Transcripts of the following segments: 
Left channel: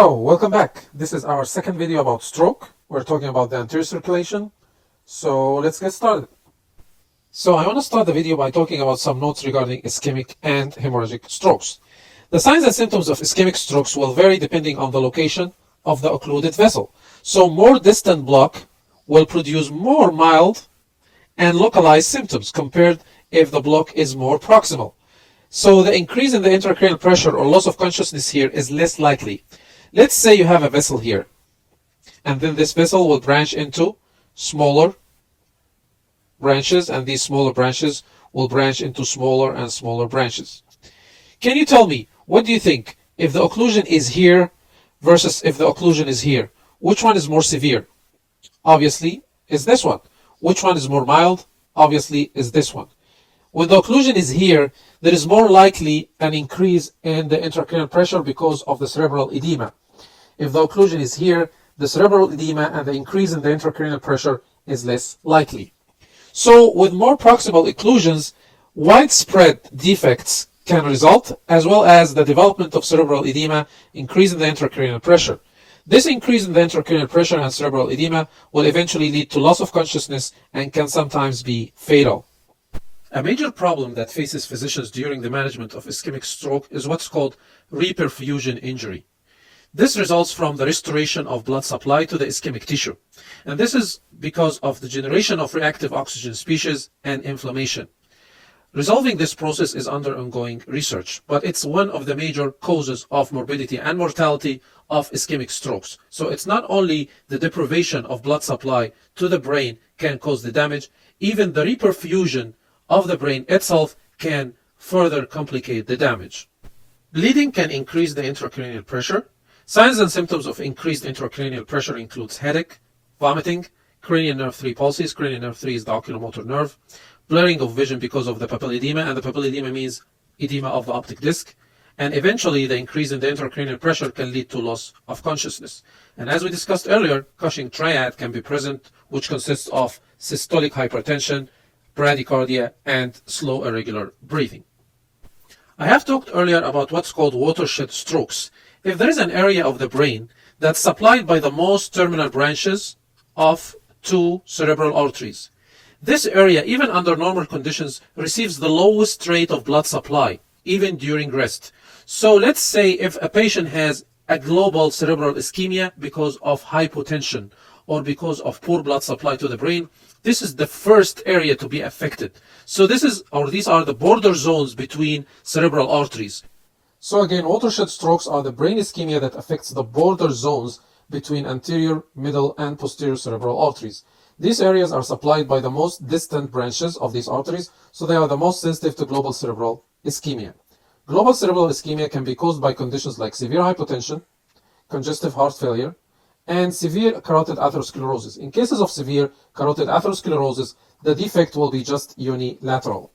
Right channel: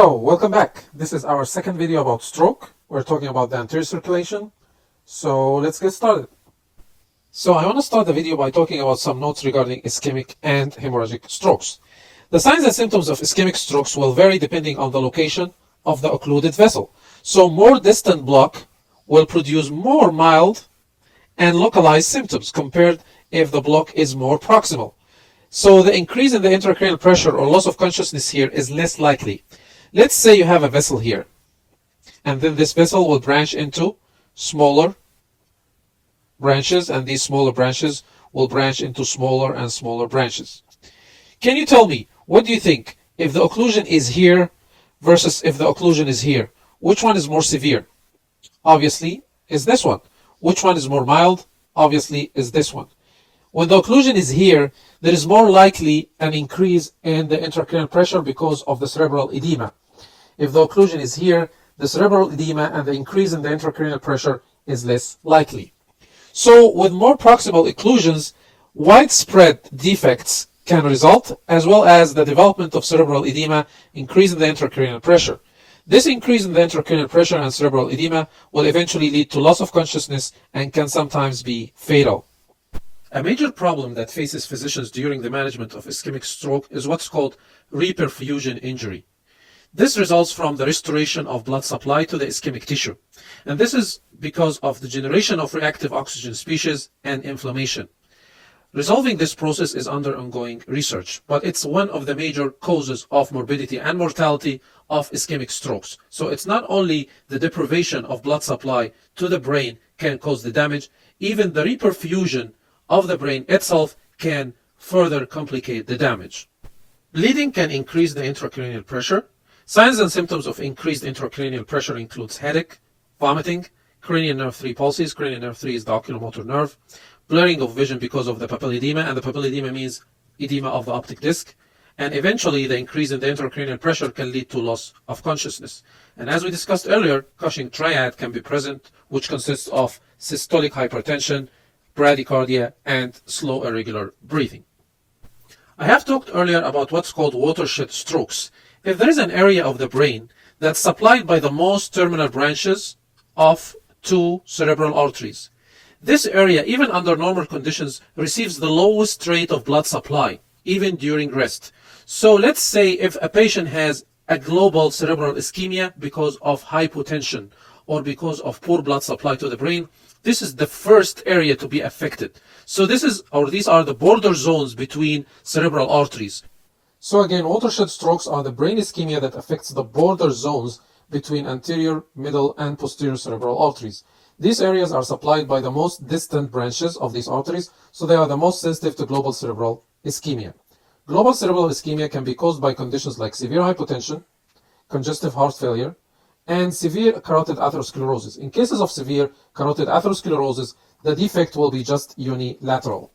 So, welcome back. This is our second video about stroke. We're talking about the anterior circulation. So, let's get started. So, I want to start the video by talking about some notes regarding ischemic and hemorrhagic strokes. The signs and symptoms of ischemic strokes will vary depending on the location of the occluded vessel. So, more distant block will produce more mild and localized symptoms compared if the block is more proximal. So, the increase in the intracranial pressure or loss of consciousness here is less likely. Let's say you have a vessel here, and then this vessel will branch into smaller branches, and these smaller branches will branch into smaller and smaller branches. Can you tell me, what do you think, if the occlusion is here versus if the occlusion is here, which one is more severe? Obviously, is this one. Which one is more mild? Obviously, is this one. When the occlusion is here, there is more likely an increase in the intracranial pressure because of the cerebral edema. If the occlusion is here, the cerebral edema and the increase in the intracranial pressure is less likely. So, with more proximal occlusions, widespread defects can result, as well as the development of cerebral edema, increase in the intracranial pressure. This increase in the intracranial pressure and cerebral edema will eventually lead to loss of consciousness and can sometimes be fatal. A major problem that faces physicians during the management of ischemic stroke is what's called reperfusion injury. This results from the restoration of blood supply to the ischemic tissue, and this is because of the generation of reactive oxygen species and inflammation. Resolving this process is under ongoing research, but it's one of the major causes of morbidity and mortality of ischemic strokes. So it's not only the deprivation of blood supply to the brain can cause the damage, even the reperfusion of the brain itself can further complicate the damage. Bleeding can increase the intracranial pressure. Signs and symptoms of increased intracranial pressure includes headache, vomiting, cranial nerve 3 pulses. Cranial nerve 3 is the oculomotor nerve. Blurring of vision because of the papilledema, and the papilledema means edema of the optic disc. And eventually, the increase in the intracranial pressure can lead to loss of consciousness. And as we discussed earlier, Cushing triad can be present, which consists of systolic hypertension, bradycardia, and slow irregular breathing. I have talked earlier about what's called watershed strokes. If there is an area of the brain that's supplied by the most terminal branches of two cerebral arteries, this area, even under normal conditions, receives the lowest rate of blood supply, even during rest. So let's say if a patient has a global cerebral ischemia because of hypotension or because of poor blood supply to the brain, this is the first area to be affected. So these are the border zones between cerebral arteries. So again, watershed strokes are the brain ischemia that affects the border zones between anterior, middle, and posterior cerebral arteries. These areas are supplied by the most distant branches of these arteries, so they are the most sensitive to global cerebral ischemia. Global cerebral ischemia can be caused by conditions like severe hypotension, congestive heart failure, and severe carotid atherosclerosis. In cases of severe carotid atherosclerosis, the defect will be just unilateral.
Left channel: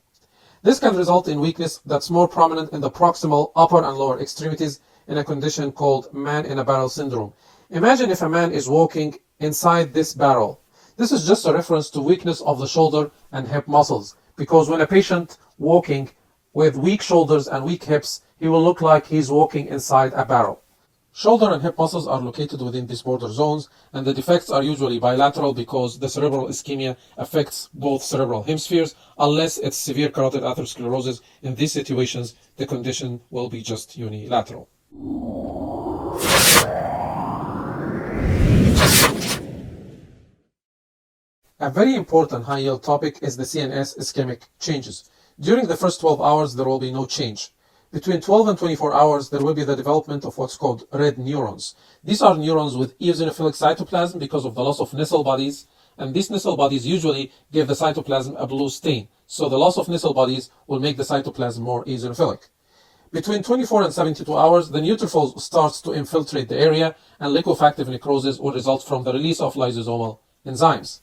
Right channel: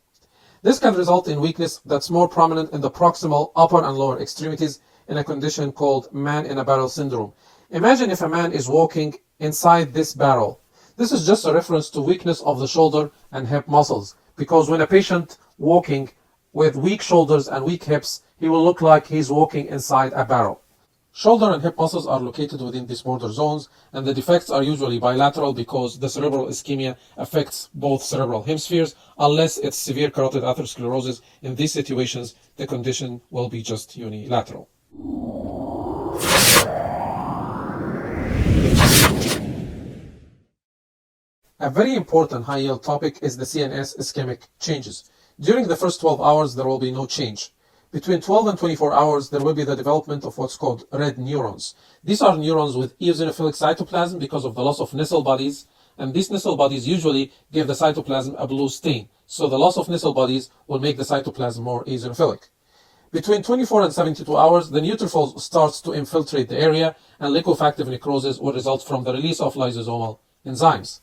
This can result in weakness that's more prominent in the proximal upper and lower extremities in a condition called man-in-a-barrel syndrome. Imagine if a man is walking inside this barrel. This is just a reference to weakness of the shoulder and hip muscles, because when a patient walking with weak shoulders and weak hips, he will look like he's walking inside a barrel. Shoulder and hip muscles are located within these border zones, and the defects are usually bilateral because the cerebral ischemia affects both cerebral hemispheres. Unless it's severe carotid atherosclerosis, in these situations, the condition will be just unilateral. A very important high-yield topic is the CNS ischemic changes. During the first 12 hours, there will be no change. Between 12 and 24 hours, there will be the development of what's called red neurons. These are neurons with eosinophilic cytoplasm because of the loss of Nissl bodies, and these Nissl bodies usually give the cytoplasm a blue stain. So the loss of Nissl bodies will make the cytoplasm more eosinophilic. Between 24 and 72 hours, the neutrophil starts to infiltrate the area, and liquefactive necrosis will result from the release of lysosomal enzymes.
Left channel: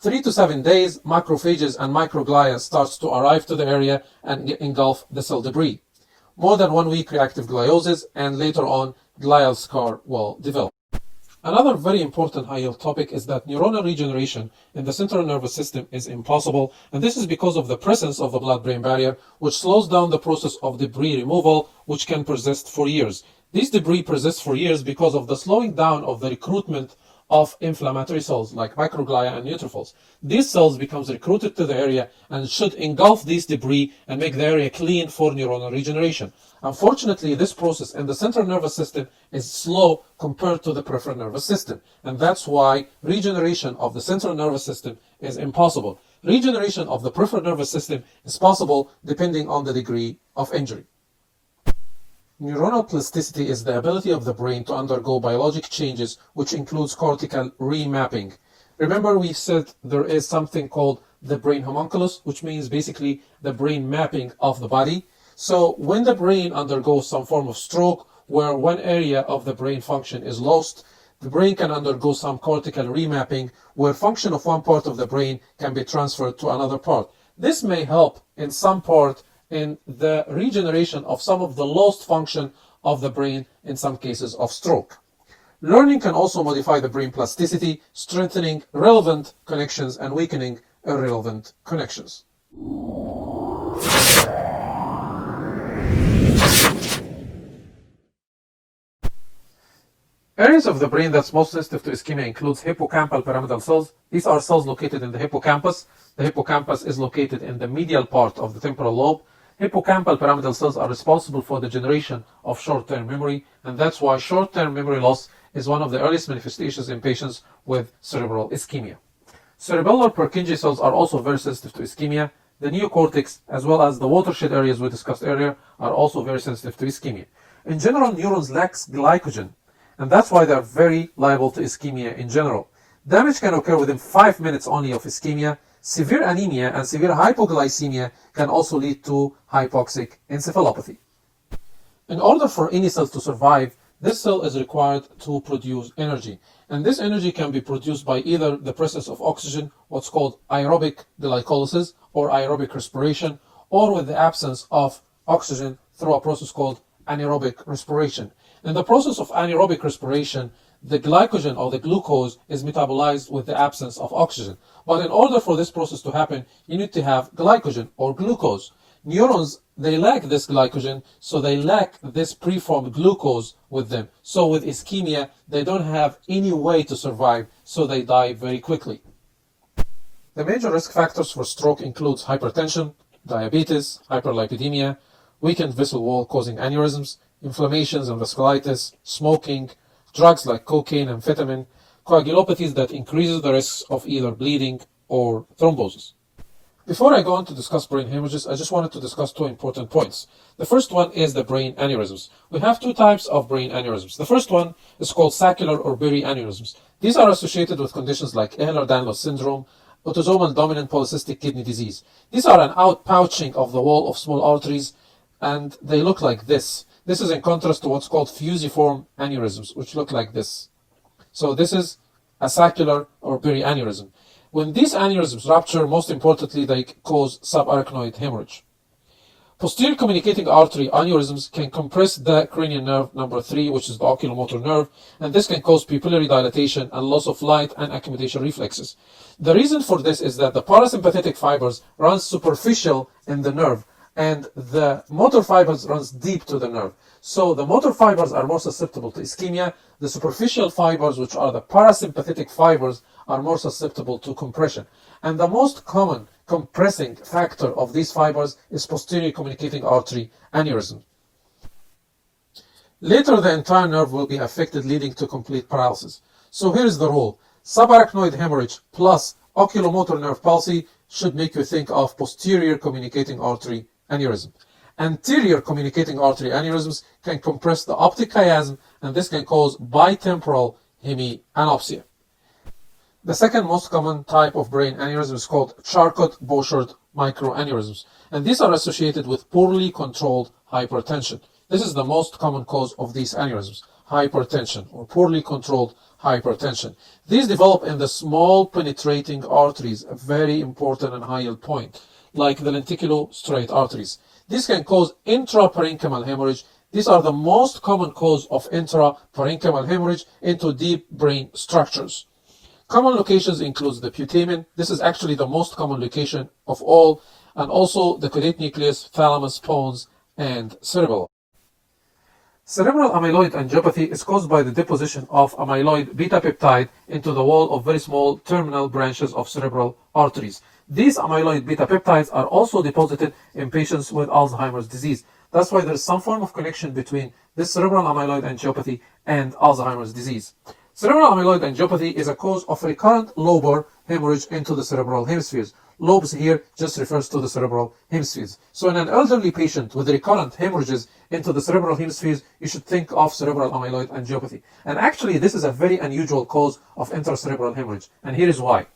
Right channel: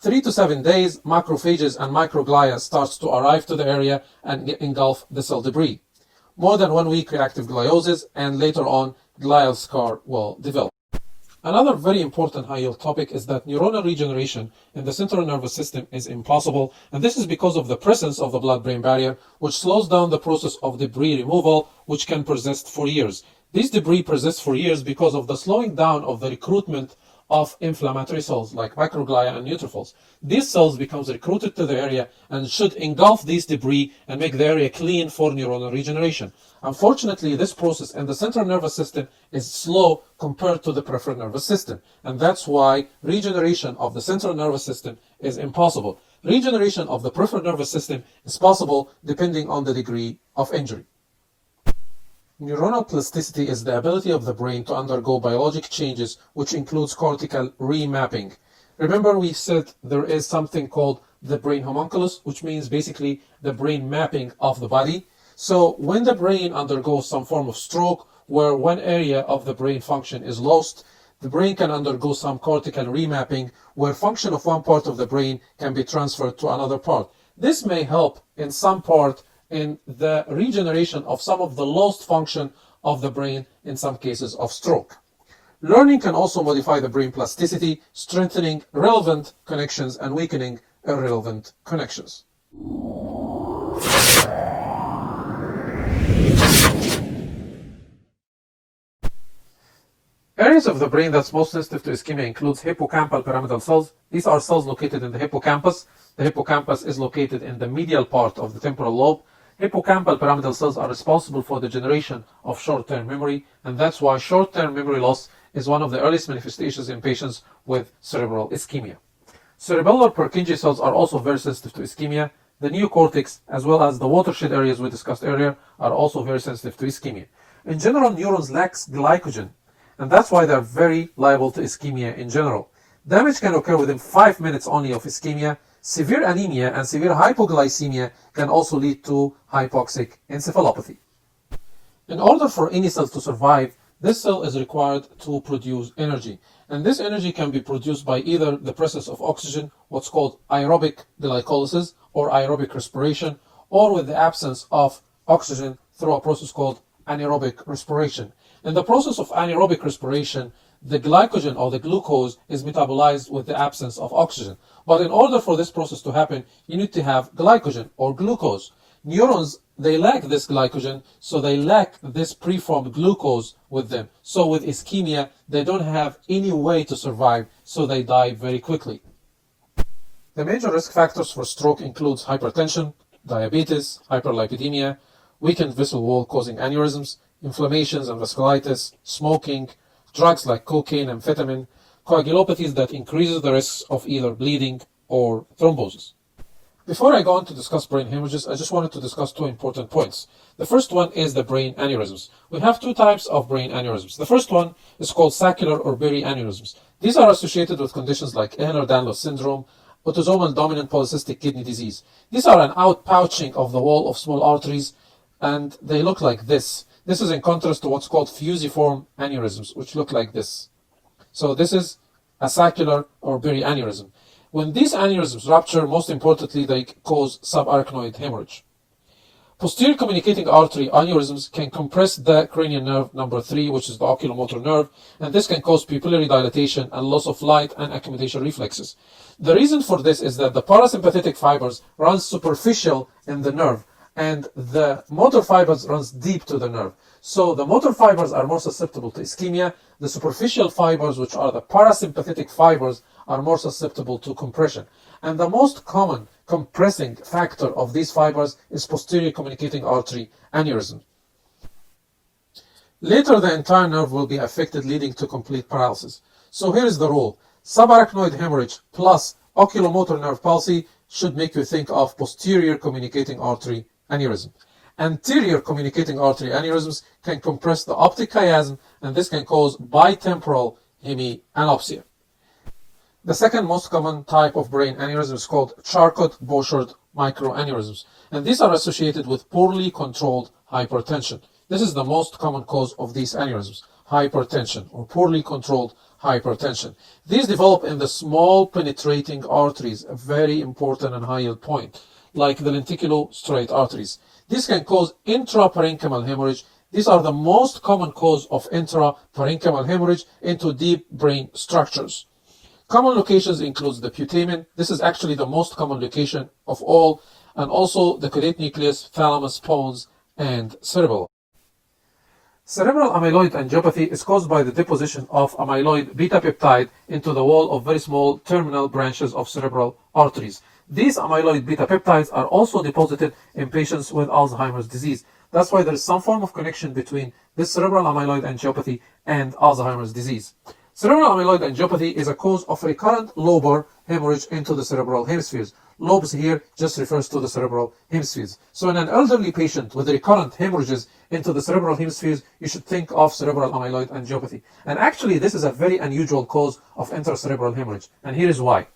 3 to 7 days, macrophages and microglia starts to arrive to the area and engulf the cell debris. More than 1 week reactive gliosis, and later on glial scar will develop. Another very important high-yield topic is that neuronal regeneration in the central nervous system is impossible, and this is because of the presence of the blood-brain barrier, which slows down the process of debris removal, which can persist for years. These debris persist for years because of the slowing down of the recruitment of inflammatory cells like microglia and neutrophils. These cells become recruited to the area and should engulf these debris and make the area clean for neuronal regeneration. Unfortunately, this process in the central nervous system is slow compared to the peripheral nervous system, and that's why regeneration of the central nervous system is impossible. Regeneration of the peripheral nervous system is possible depending on the degree of injury. Neuronal plasticity is the ability of the brain to undergo biologic changes, which includes cortical remapping. Remember, we said there is something called the brain homunculus, which means basically the brain mapping of the body. So when the brain undergoes some form of stroke where one area of the brain function is lost, the brain can undergo some cortical remapping where function of one part of the brain can be transferred to another part. This may help in some part in the regeneration of some of the lost function of the brain in some cases of stroke. Learning can also modify the brain plasticity, strengthening relevant connections and weakening irrelevant connections. Areas of the brain that's most sensitive to ischemia includes hippocampal pyramidal cells. These are cells located in the hippocampus. The hippocampus is located in the medial part of the temporal lobe. Hippocampal pyramidal cells are responsible for the generation of short-term memory, and that's why short-term memory loss is one of the earliest manifestations in patients with cerebral ischemia. Cerebellar Purkinje cells are also very sensitive to ischemia. The neocortex, as well as the watershed areas we discussed earlier, are also very sensitive to ischemia. In general, neurons lack glycogen, and that's why they're very liable to ischemia in general. Damage can occur within 5 minutes only of ischemia. Severe anemia and severe hypoglycemia can also lead to hypoxic encephalopathy. In order for any cell to survive, this cell is required to produce energy. And this energy can be produced by either the presence of oxygen, what's called aerobic glycolysis or aerobic respiration, or with the absence of oxygen through a process called anaerobic respiration. In the process of anaerobic respiration, the glycogen or the glucose is metabolized with the absence of oxygen. But in order for this process to happen, you need to have glycogen or glucose. Neurons, they lack this glycogen, so they lack this preformed glucose with them. So with ischemia, they don't have any way to survive, so they die very quickly. The major risk factors for stroke includes hypertension, diabetes, hyperlipidemia, weakened vessel wall causing aneurysms, inflammations and vasculitis, smoking, drugs like cocaine, amphetamine, coagulopathies that increases the risks of either bleeding or thrombosis. Before I go on to discuss brain hemorrhages, I just wanted to discuss two important points. The first one is the brain aneurysms. We have two types of brain aneurysms. The first one is called saccular or berry aneurysms. These are associated with conditions like Ehlers-Danlos syndrome, autosomal dominant polycystic kidney disease. These are an outpouching of the wall of small arteries, and they look like this. This is in contrast to what's called fusiform aneurysms, which look like this. So this is a saccular or berry aneurysm. When these aneurysms rupture, most importantly, they cause subarachnoid hemorrhage. Posterior communicating artery aneurysms can compress the cranial nerve number 3, which is the oculomotor nerve, and this can cause pupillary dilatation and loss of light and accommodation reflexes. The reason for this is that the parasympathetic fibers run superficial in the nerve, and the motor fibers runs deep to the nerve. So the motor fibers are more susceptible to ischemia. The superficial fibers, which are the parasympathetic fibers, are more susceptible to compression. And the most common compressing factor of these fibers is posterior communicating artery aneurysm. Later, the entire nerve will be affected, leading to complete paralysis. So here's the rule. Subarachnoid hemorrhage plus oculomotor nerve palsy should make you think of posterior communicating artery aneurysm. Anterior communicating artery aneurysms can compress the optic chiasm, and this can cause bitemporal hemianopsia. The second most common type of brain aneurysm is called Charcot-Bouchard microaneurysms, and these are associated with poorly controlled hypertension. This is the most common cause of these aneurysms, hypertension or poorly controlled hypertension. These develop in the small penetrating arteries, a very important and high yield point, like the lenticulostriate arteries. This can cause intraparenchymal hemorrhage. These are the most common cause of intraparenchymal hemorrhage into deep brain structures. Common locations include the putamen. This is actually the most common location of all, and also the caudate nucleus, thalamus, pons, and cerebral. Cerebral amyloid angiopathy is caused by the deposition of amyloid beta peptide into the wall of very small terminal branches of cerebral arteries. These amyloid beta peptides are also deposited in patients with Alzheimer's disease. That's why there is some form of connection between this cerebral amyloid angiopathy and Alzheimer's disease. Cerebral amyloid angiopathy is a cause of recurrent lobar hemorrhage into the cerebral hemispheres. Lobes here just refers to the cerebral hemispheres. So in an elderly patient with recurrent hemorrhages into the cerebral hemispheres, you should think of cerebral amyloid angiopathy. And actually, this is a very unusual cause of intracerebral hemorrhage. And here is why.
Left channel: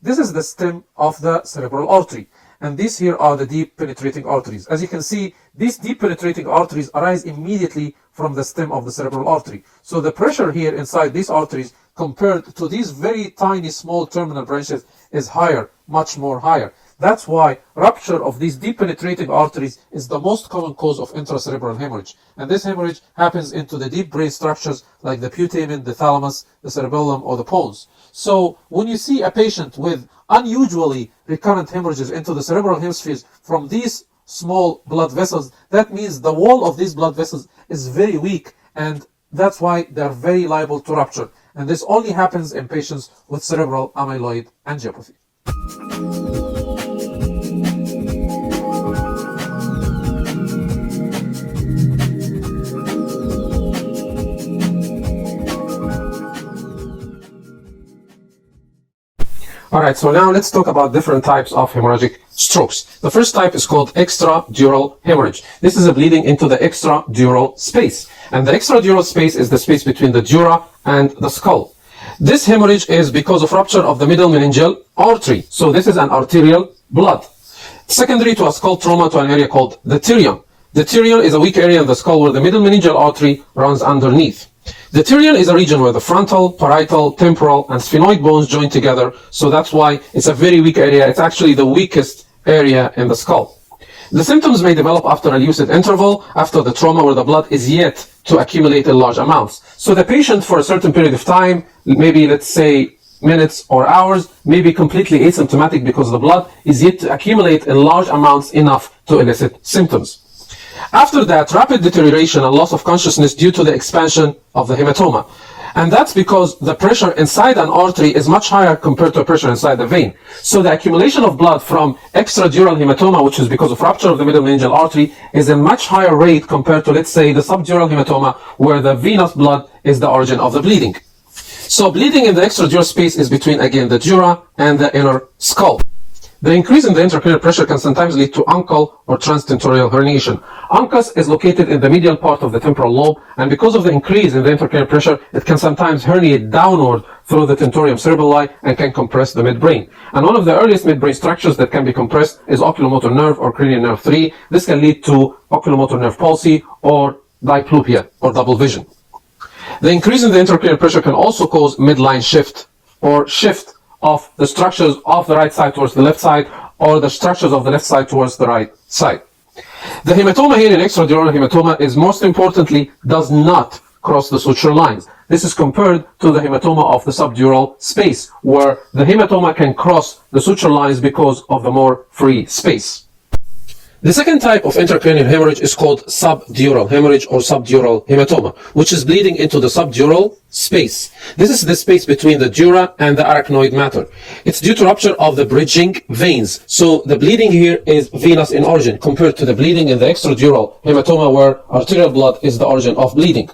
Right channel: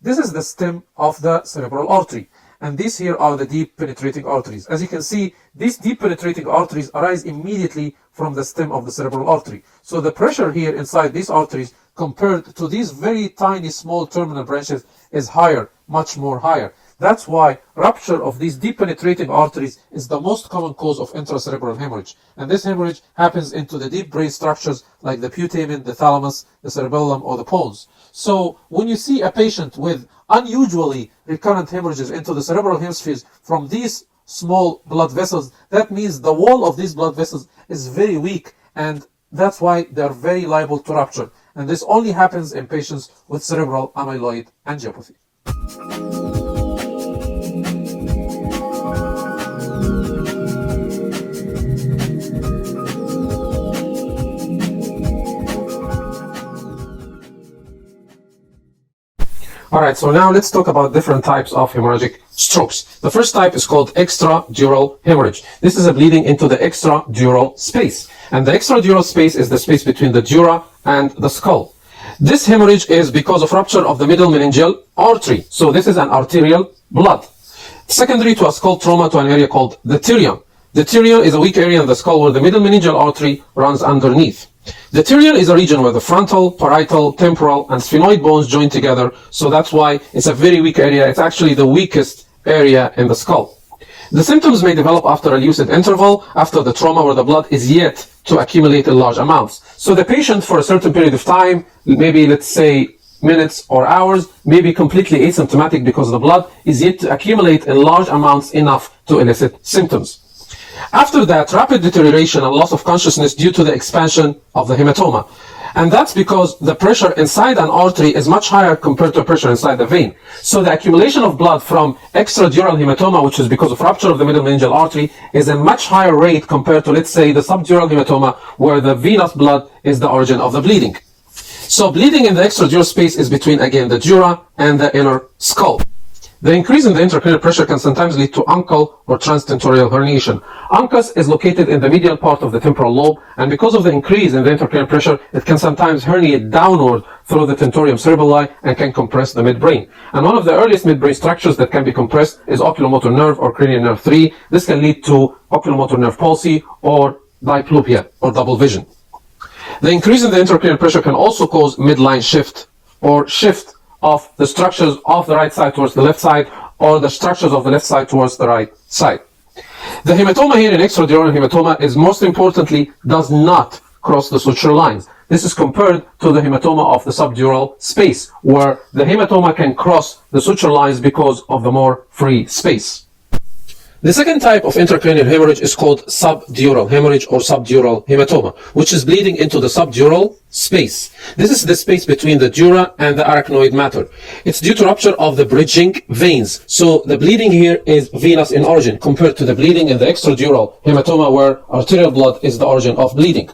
This is the stem of the cerebral artery. And these here are the deep penetrating arteries. As you can see, these deep penetrating arteries arise immediately from the stem of the cerebral artery. So the pressure here inside these arteries compared to these very tiny small terminal branches is higher, much more higher. That's why rupture of these deep penetrating arteries is the most common cause of intracerebral hemorrhage. And this hemorrhage happens into the deep brain structures like the putamen, the thalamus, the cerebellum, or the pons. So when you see a patient with unusually recurrent hemorrhages into the cerebral hemispheres from these small blood vessels, that means the wall of these blood vessels is very weak, and that's why they're very liable to rupture. And this only happens in patients with cerebral amyloid angiopathy. Alright, so now let's talk about different types of hemorrhagic strokes. The first type is called extradural hemorrhage. This is a bleeding into the extradural space. And the extradural space is the space between the dura and the skull. This hemorrhage is because of rupture of the middle meningeal artery. So this is an arterial blood. Secondary to a skull trauma to an area called the tirion. The tirion is a weak area in the skull where the middle meningeal artery runs underneath. The tirion is a region where the frontal, parietal, temporal, and sphenoid bones join together, so that's why it's a very weak area. It's actually the weakest area in the skull. The symptoms may develop after a lucid interval, after the trauma where the blood is yet to accumulate in large amounts. So the patient for a certain period of time, maybe let's say minutes or hours, may be completely asymptomatic because the blood is yet to accumulate in large amounts enough to elicit symptoms. After that, rapid deterioration and loss of consciousness due to the expansion of the hematoma. And that's because the pressure inside an artery is much higher compared to pressure inside the vein. So the accumulation of blood from extradural hematoma, which is because of rupture of the middle meningeal artery, is a much higher rate compared to, let's say, the subdural hematoma, where the venous blood is the origin of the bleeding. So bleeding in the extradural space is between, again, the dura and the inner skull. The increase in the intracranial pressure can sometimes lead to uncal or transtentorial herniation. Uncus is located in the medial part of the temporal lobe, and because of the increase in the intracranial pressure, it can sometimes herniate downward through the tentorium cerebelli and can compress the midbrain. And one of the earliest midbrain structures that can be compressed is oculomotor nerve or cranial nerve 3. This can lead to oculomotor nerve palsy or diplopia or double vision. The increase in the intracranial pressure can also cause midline shift or shift of the structures of the right side towards the left side, or the structures of the left side towards the right side. The hematoma here in extradural hematoma is most importantly does not cross the suture lines. This is compared to the hematoma of the subdural space, where the hematoma can cross the suture lines because of the more free space. The second type of intracranial hemorrhage is called subdural hemorrhage or subdural hematoma, which is bleeding into the subdural space. This is the space between the dura and the arachnoid matter. It's due to rupture of the bridging veins. So the bleeding here is venous in origin compared to the bleeding in the extradural hematoma, where arterial blood is the origin of bleeding.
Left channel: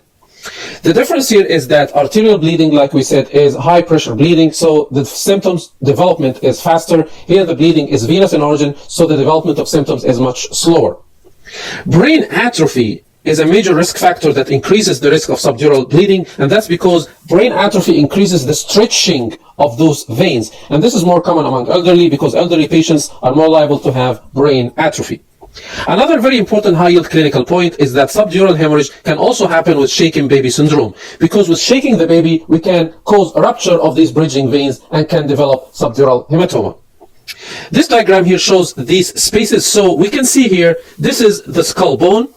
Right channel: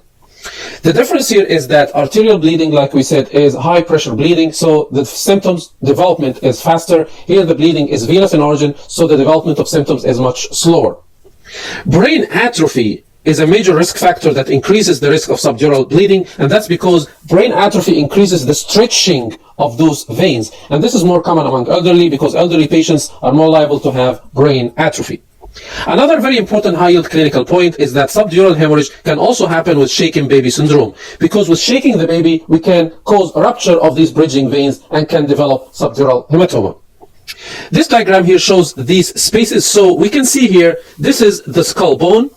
The difference here is that arterial bleeding, like we said, is high pressure bleeding, so the symptoms development is faster. Here the bleeding is venous in origin, so the development of symptoms is much slower. Brain atrophy is a major risk factor that increases the risk of subdural bleeding, and that's because brain atrophy increases the stretching of those veins. And this is more common among elderly because elderly patients are more liable to have brain atrophy. Another very important high-yield clinical point is that subdural hemorrhage can also happen with shaken baby syndrome, because with shaking the baby, we can cause a rupture of these bridging veins and can develop subdural hematoma. This diagram here shows these spaces. So we can see here, this is the skull bone,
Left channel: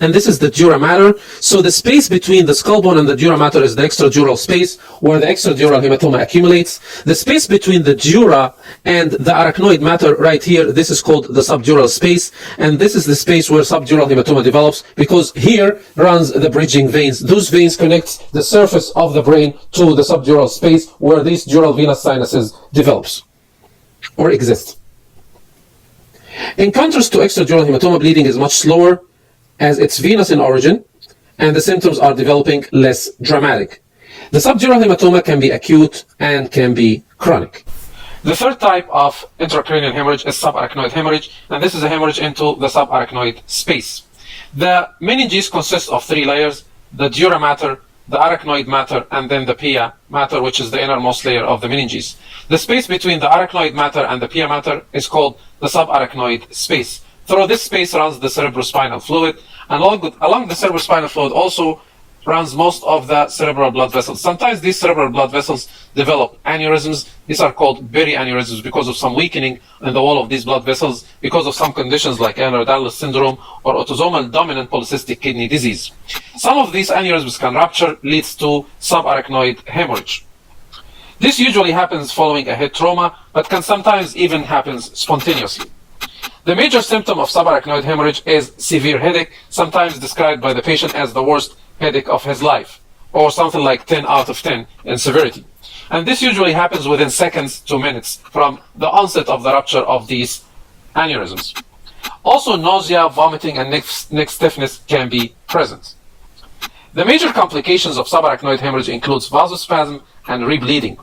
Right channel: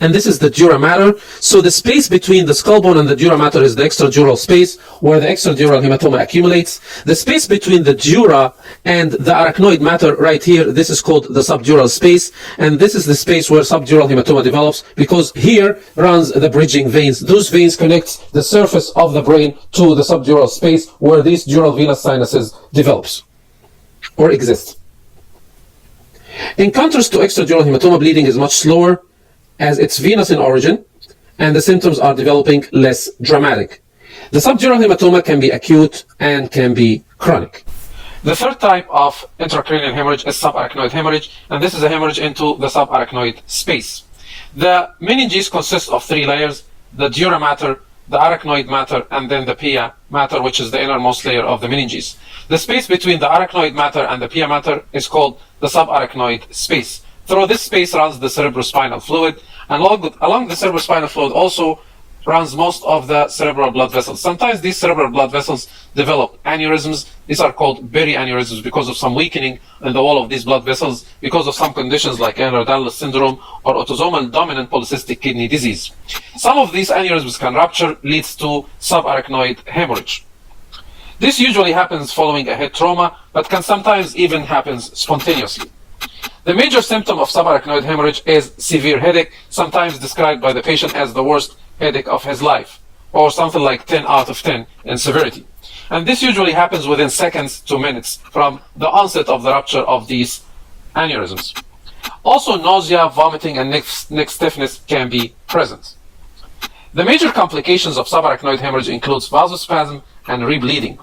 and this is the dura mater. So the space between the skull bone and the dura mater is the extradural space where the extradural hematoma accumulates. The space between the dura and the arachnoid mater right here, this is called the subdural space, and this is the space where subdural hematoma develops because here runs the bridging veins. Those veins connect the surface of the brain to the subdural space where these dural venous sinuses develops or exist. In contrast to extradural hematoma, bleeding is much slower as it's venous in origin and the symptoms are developing less dramatic. The subdural hematoma can be acute and can be chronic. The third type of intracranial hemorrhage is subarachnoid hemorrhage, and this is a hemorrhage into the subarachnoid space. The meninges consist of three layers: the dura mater, the arachnoid mater, and then the pia mater, which is the innermost layer of the meninges. The space between the arachnoid mater and the pia mater is called the subarachnoid space. Through this space runs the cerebrospinal fluid, and along the cerebrospinal fluid also runs most of the cerebral blood vessels. Sometimes these cerebral blood vessels develop aneurysms. These are called aneurysms because of some weakening in the wall of these blood vessels because of some conditions like Ehlers-Danlos syndrome or autosomal dominant polycystic kidney disease. Some of these aneurysms can rupture, leads to subarachnoid hemorrhage. This usually happens following a head trauma, but can sometimes even happen spontaneously. The major symptom of subarachnoid hemorrhage is severe headache, sometimes described by the patient as the worst headache of his life, or something like 10 out of 10 in severity. And this usually happens within seconds to minutes from the onset of the rupture of these aneurysms. Also, nausea, vomiting, and neck stiffness can be present. The major complications of subarachnoid hemorrhage includes vasospasm and rebleeding.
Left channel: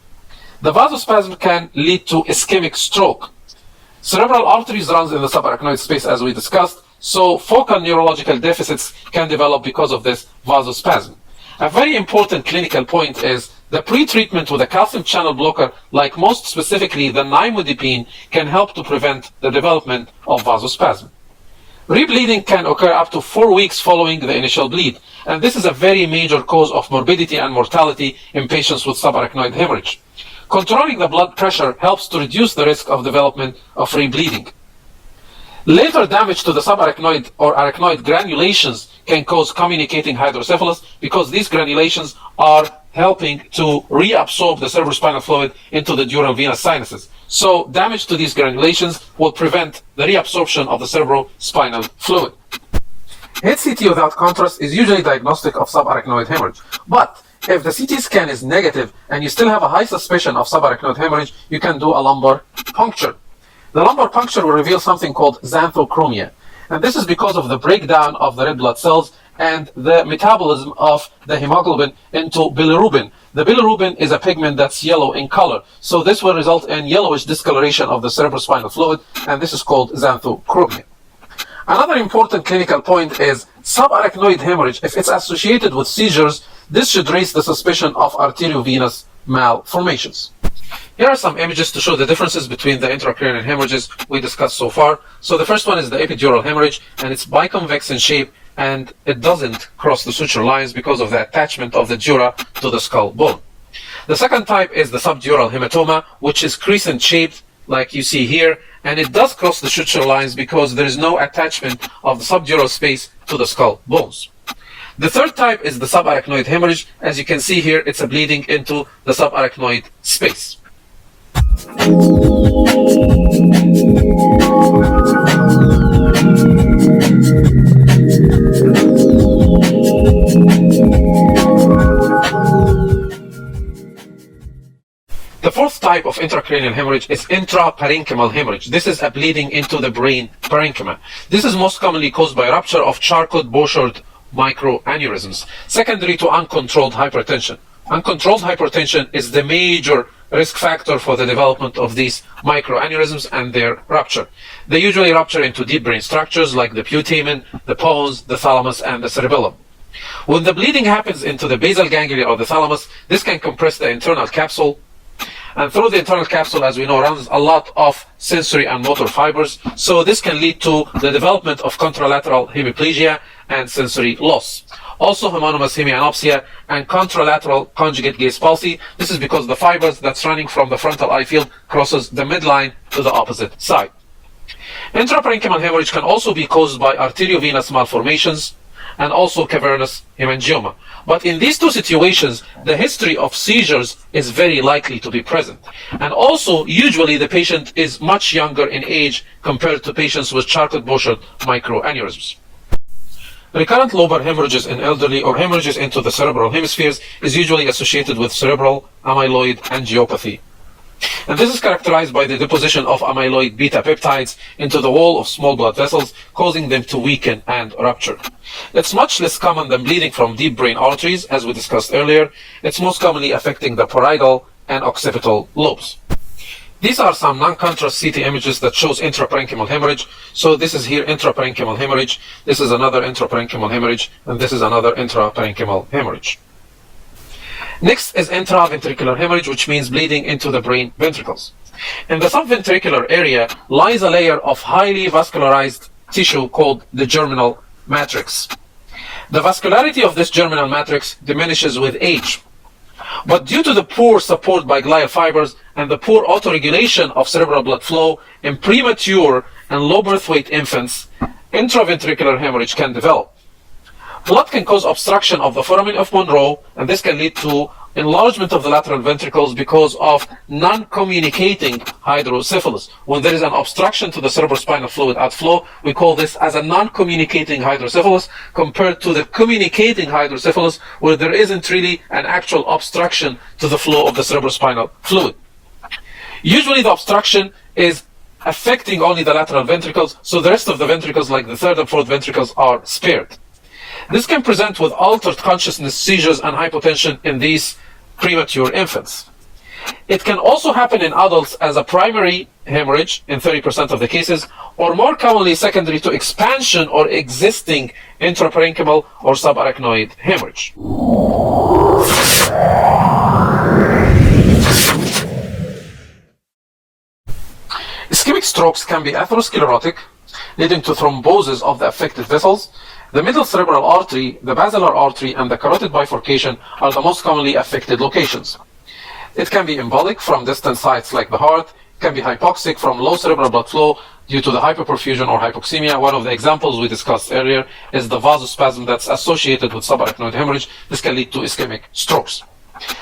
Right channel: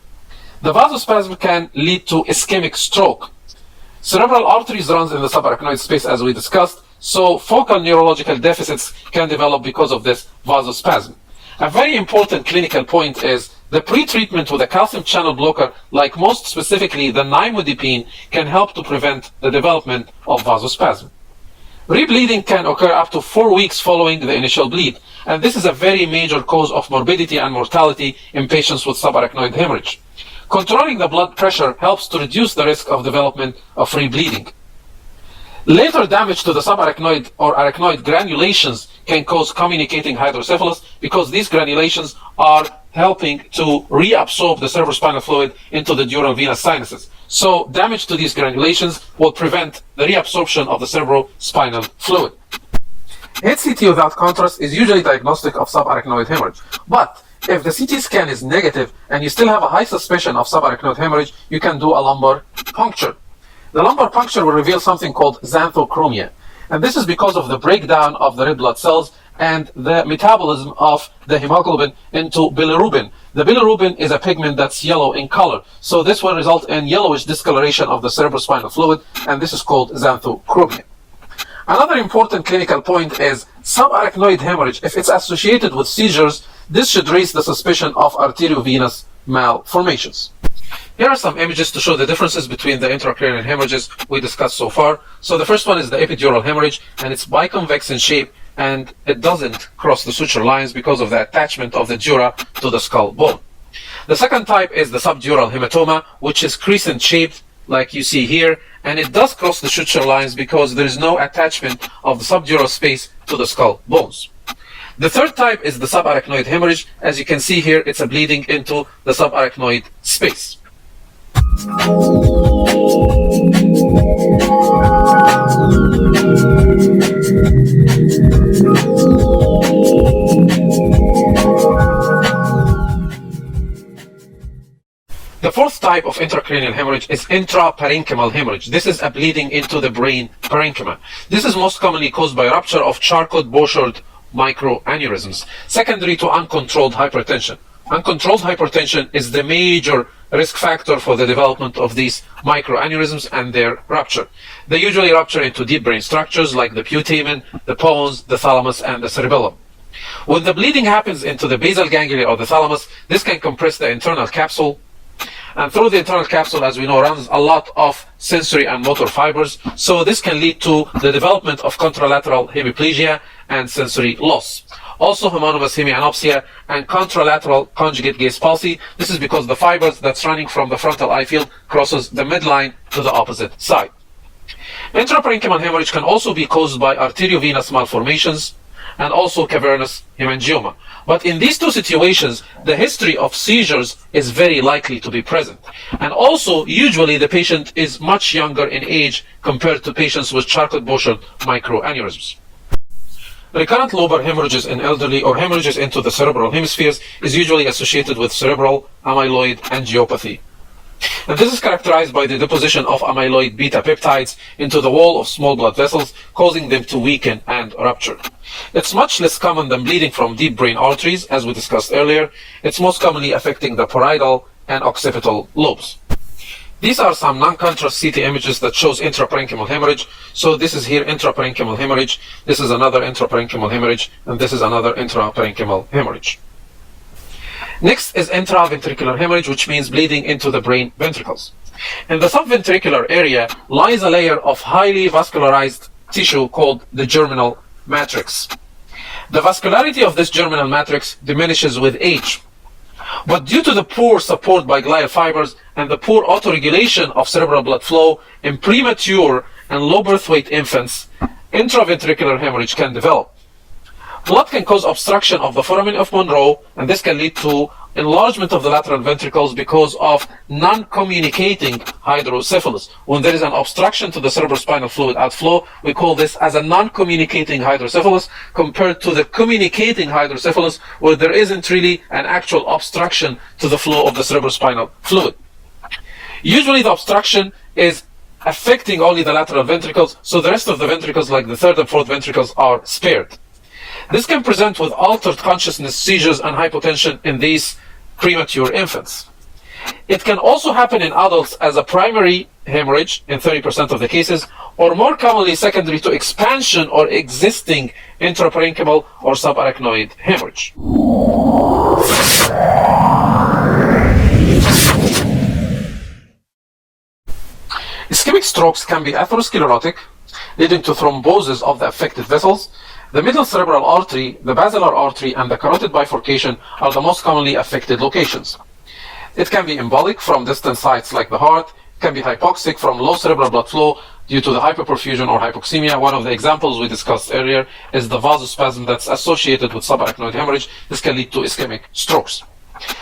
The vasospasm can lead to ischemic stroke. Cerebral arteries runs in the subarachnoid space as we discussed, so focal neurological deficits can develop because of this vasospasm. A very important clinical point is the pre-treatment with a calcium channel blocker, like most specifically the nimodipine, can help to prevent the development of vasospasm. Rebleeding can occur up to 4 weeks following the initial bleed, and this is a very major cause of morbidity and mortality in patients with subarachnoid hemorrhage. Controlling the blood pressure helps to reduce the risk of development of rebleeding. Later damage to the subarachnoid or arachnoid granulations can cause communicating hydrocephalus because these granulations are helping to reabsorb the cerebrospinal fluid into the dural venous sinuses. So damage to these granulations will prevent the reabsorption of the cerebrospinal fluid. HCT without contrast is usually diagnostic of subarachnoid hemorrhage, but if the CT scan is negative and you still have a high suspicion of subarachnoid hemorrhage, you can do a lumbar puncture. The lumbar puncture will reveal something called xanthochromia, and this is because of the breakdown of the red blood cells and the metabolism of the hemoglobin into bilirubin. The bilirubin is a pigment that's yellow in color, so this will result in yellowish discoloration of the cerebrospinal fluid, and this is called xanthochromia. Another important clinical point is subarachnoid hemorrhage. If it's associated with seizures, this should raise the suspicion of arteriovenous malformations. Here are some images to show the differences between the intracranial hemorrhages we discussed so far. So the first one is the epidural hemorrhage, and it's biconvex in shape, and it doesn't cross the suture lines because of the attachment of the dura to the skull bone. The second type is the subdural hematoma, which is crescent shaped like you see here, and it does cross the suture lines because there is no attachment of the subdural space to the skull bones. The third type is the subarachnoid hemorrhage. As you can see here, it's a bleeding into the subarachnoid space. The fourth type of intracranial hemorrhage is intraparenchymal hemorrhage. This is a bleeding into the brain parenchyma. This is most commonly caused by rupture of Charcot-Bouchard microaneurysms, secondary to uncontrolled hypertension. Uncontrolled hypertension is the major risk factor for the development of these microaneurysms and their rupture. They usually rupture into deep brain structures like the putamen, the pons, the thalamus, and the cerebellum. When the bleeding happens into the basal ganglia or the thalamus, this can compress the internal capsule, and through the internal capsule, as we know, runs a lot of sensory and motor fibers, so this can lead to the development of contralateral hemiplegia and sensory loss. Also homonymous hemianopsia and contralateral conjugate gaze palsy. This is because the fibers that's running from the frontal eye field crosses the midline to the opposite side. Intraparenchymal hemorrhage can also be caused by arteriovenous malformations, and also cavernous hemangioma. But in these two situations, the history of seizures is very likely to be present. And also, usually the patient is much younger in age compared to patients with Charcot-Bouchard microaneurysms. Recurrent lobar hemorrhages in elderly or hemorrhages into the cerebral hemispheres is usually associated with cerebral amyloidangiopathy. And this is characterized by the deposition of amyloid beta peptides into the wall of small blood vessels, causing them to weaken and rupture. It's much less common than bleeding from deep brain arteries, as we discussed earlier. It's most commonly affecting the parietal and occipital lobes. These are some non-contrast CT images that shows intraparenchymal hemorrhage. So this is here intraparenchymal hemorrhage, this is another intraparenchymal hemorrhage, and this is another intraparenchymal hemorrhage. Next is intraventricular hemorrhage, which means bleeding into the brain ventricles. In the subventricular area lies a layer of highly vascularized tissue called the germinal matrix. The vascularity of this germinal matrix diminishes with age. But due to the poor support by glial fibers and the poor autoregulation of cerebral blood flow in premature and low birth weight infants, intraventricular hemorrhage can develop. Blood can cause obstruction of the foramen of Monroe, and this can lead to enlargement of the lateral ventricles because of non-communicating hydrocephalus. When there is an obstruction to the cerebrospinal fluid outflow, we call this as a non-communicating hydrocephalus, compared to the communicating hydrocephalus, where there isn't really an actual obstruction to the flow of the cerebrospinal fluid. Usually the obstruction is affecting only the lateral ventricles, so the rest of the ventricles, like the third and fourth ventricles, are spared. This can present with altered consciousness, seizures, and hypotension in these premature infants. It can also happen in adults as a primary hemorrhage in 30% of the cases, or more commonly secondary to expansion or existing intraparenchymal or subarachnoid hemorrhage. Ischemic strokes can be atherosclerotic, leading to thrombosis of the affected vessels. The middle cerebral artery, the basilar artery, and the carotid bifurcation are the most commonly affected locations. It can be embolic from distant sites like the heart. It can be hypoxic from low cerebral blood flow due to the hyperperfusion or hypoxemia. One of the examples we discussed earlier is the vasospasm that's associated with subarachnoid hemorrhage. This can lead to ischemic strokes.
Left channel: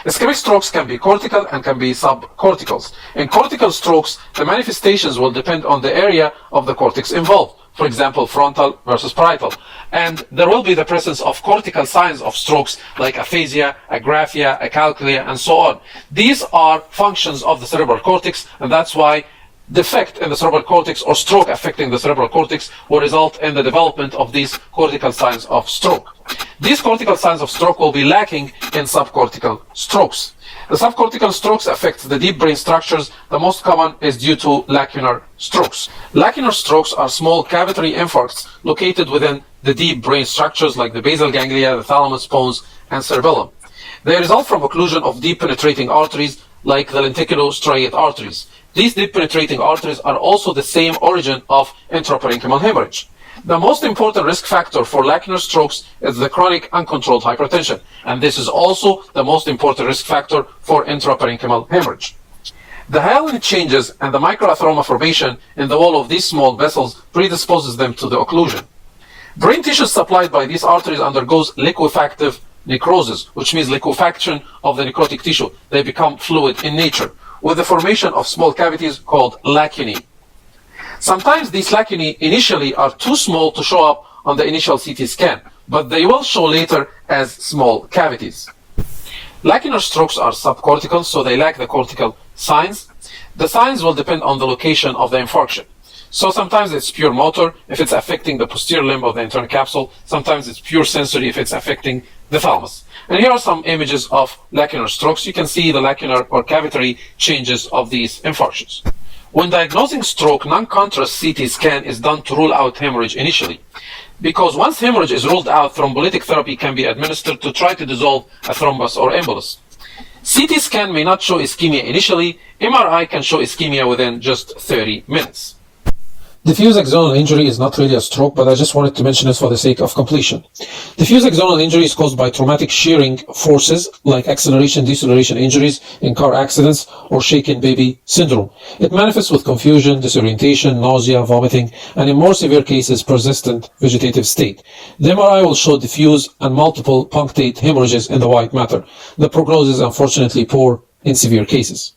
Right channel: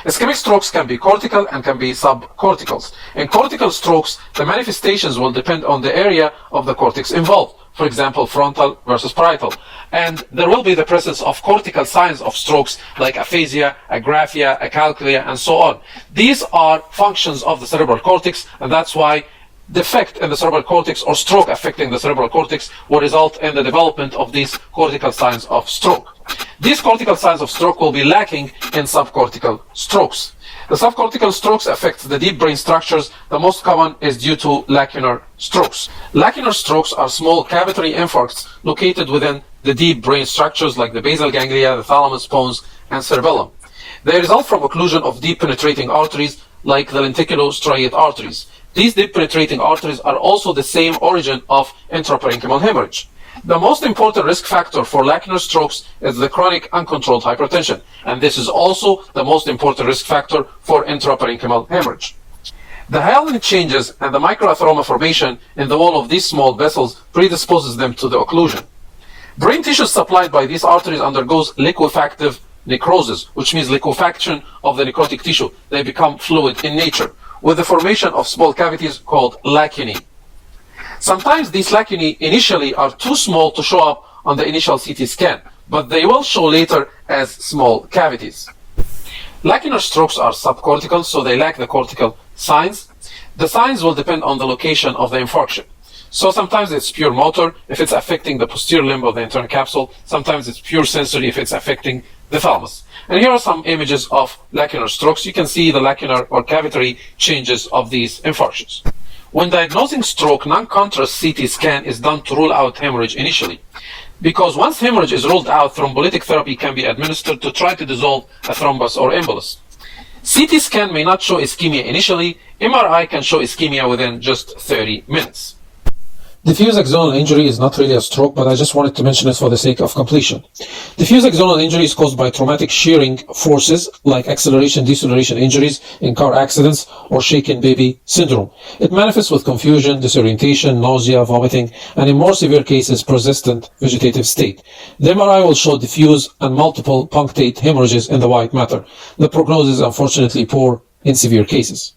Ischemic strokes can be cortical and can be subcorticals. In cortical strokes, the manifestations will depend on the area of the cortex involved. For example, frontal versus parietal. And there will be the presence of cortical signs of strokes like aphasia, agraphia, acalculia, and so on. These are functions of the cerebral cortex, and that's why defect in the cerebral cortex or stroke affecting the cerebral cortex will result in the development of these cortical signs of stroke. These cortical signs of stroke will be lacking in subcortical strokes. The subcortical strokes affect the deep brain structures. The most common is due to lacunar strokes. Lacunar strokes are small cavitary infarcts located within the deep brain structures like the basal ganglia, the thalamus, pons, and cerebellum. They result from occlusion of deep penetrating arteries like the lenticulostriate arteries. These deep penetrating arteries are also the same origin of intraparenchymal hemorrhage. The most important risk factor for lacunar strokes is the chronic uncontrolled hypertension, and this is also the most important risk factor for intraparenchymal hemorrhage. The hyaline changes and the microatheroma formation in the wall of these small vessels predisposes them to the occlusion. Brain tissue supplied by these arteries undergoes liquefactive necrosis, which means liquefaction of the necrotic tissue. They become fluid in nature, with the formation of small cavities called lacunae. Sometimes these lacunae initially are too small to show up on the initial CT scan, but they will show later as small cavities. Lacunar strokes are subcortical, so they lack the cortical signs. The signs will depend on the location of the infarction. So sometimes it's pure motor if it's affecting the posterior limb of the internal capsule. Sometimes it's pure sensory if it's affecting the thalamus. And here are some images of lacunar strokes. You can see the lacunar or cavitary changes of these infarctions. When diagnosing stroke, non-contrast CT scan is done to rule out hemorrhage initially. Because once hemorrhage is ruled out, thrombolytic therapy can be administered to try to dissolve a thrombus or embolus. CT scan may not show ischemia initially. MRI can show ischemia within just 30 minutes. Diffuse axonal injury is not really a stroke, but I just wanted to mention it for the sake of completion. Diffuse axonal injury is caused by traumatic shearing forces like acceleration deceleration injuries in car accidents or shaken baby syndrome. It manifests with confusion, disorientation, nausea, vomiting, and in more severe cases, persistent vegetative state. The MRI will show diffuse and multiple punctate hemorrhages in the white matter. The prognosis is unfortunately poor in severe cases.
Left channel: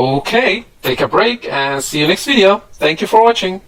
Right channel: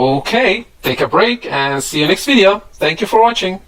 Okay, take a break and see you next video. Thank you for watching.